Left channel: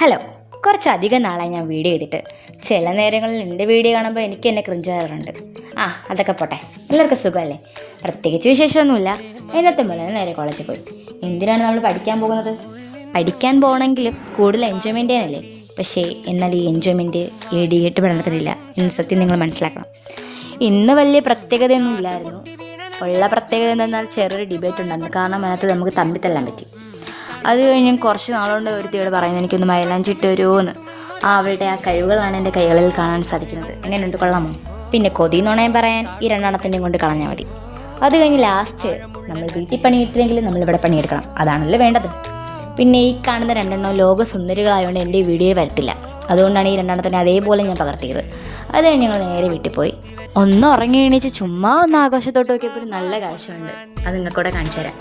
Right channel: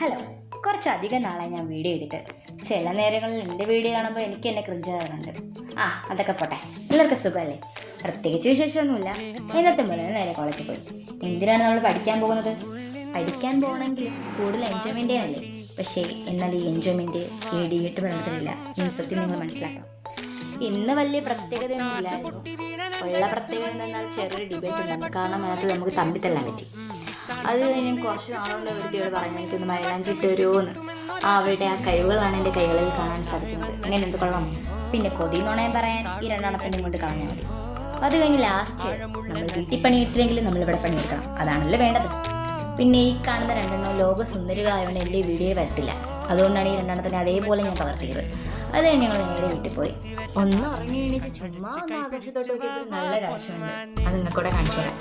Hello, കുറച്ചധികം നാളായി ഞാൻ വീഡിയോ ചെയ്തിട്ട്. ചില നേരങ്ങളിൽ എൻ്റെ വീഡിയോ കാണുമ്പോൾ എനിക്ക് എന്നെ ക്രിഞ്ച് വരാറുണ്ട്. അതൊക്കെ പോട്ടെ, എല്ലാവർക്കും സുഖമല്ലേ? പ്രത്യേകിച്ച് വിശേഷമൊന്നുമില്ല. ഇന്നത്തെ പോലെ നേരെ കോളേജിൽ പോയി. എന്തിനാണ് നമ്മൾ പഠിക്കാൻ പോകുന്നത്? പഠിക്കാൻ പോകണമെങ്കിലും കൂടുതൽ എൻജോയ്മെൻ്റ് ചെയ്യാനല്ലേ. പക്ഷേ എന്നാൽ ഈ എൻജോയ്മെൻറ്റ് ഈ ഡിഗ്രി പഠനത്തിനില്ല എന്ന് സത്യം നിങ്ങൾ മനസ്സിലാക്കണം. ഇന്ന് വലിയ പ്രത്യേകതയൊന്നും ഇല്ലായിരുന്നു. ഉള്ള പ്രത്യേകത എന്തെന്നാൽ ചെറിയൊരു ഡിബേറ്റ് ഉണ്ടായിരുന്നു. കാരണം അതിനകത്ത് നമുക്ക് തമ്മിത്തല്ലാൻ പറ്റി. അത് കഴിഞ്ഞ് കുറച്ച് നാളുകൊണ്ട് ഒരുത്തിയോട് പറയുന്നത് എനിക്കൊന്ന് മൈലാഞ്ചിട്ട് വരുമോയെന്ന്. അവളുടെ ആ കഴിവുകളാണ് എൻ്റെ കൈകളിൽ കാണാൻ സാധിക്കുന്നത്. എങ്ങനെയുണ്ട്, കൊള്ളാമോ? പിന്നെ കൊതി നുണയം പറയാൻ ഈ രണ്ടെണ്ണത്തിനെയും കൊണ്ട് കളഞ്ഞാൽ മതി. അത് കഴിഞ്ഞ് ലാസ്റ്റ് നമ്മൾ വീട്ടിൽ പണിയെടുത്തില്ലെങ്കിലും നമ്മളിവിടെ പണിയെടുക്കണം, അതാണല്ലോ വേണ്ടത്. പിന്നെ ഈ കാണുന്ന രണ്ടെണ്ണം ലോക സുന്ദരികളായതുകൊണ്ട് എൻ്റെ വീഡിയോ വരത്തില്ല. അതുകൊണ്ടാണ് ഈ രണ്ടെണ്ണത്തിനെ അതേപോലെ ഞാൻ പകർത്തിയത്. അത് കഴിഞ്ഞ് ഞങ്ങൾ നേരെ വീട്ടിൽ പോയി. ഒന്ന് ഉറങ്ങി എണീച്ച് ചുമ്മാ ഒന്ന് ആകാശത്തോട്ട് നോക്കിയപ്പോൾ നല്ല കാഴ്ചയുണ്ട്. അത് നിങ്ങൾക്കൂടെ കാണിച്ചു തരാം.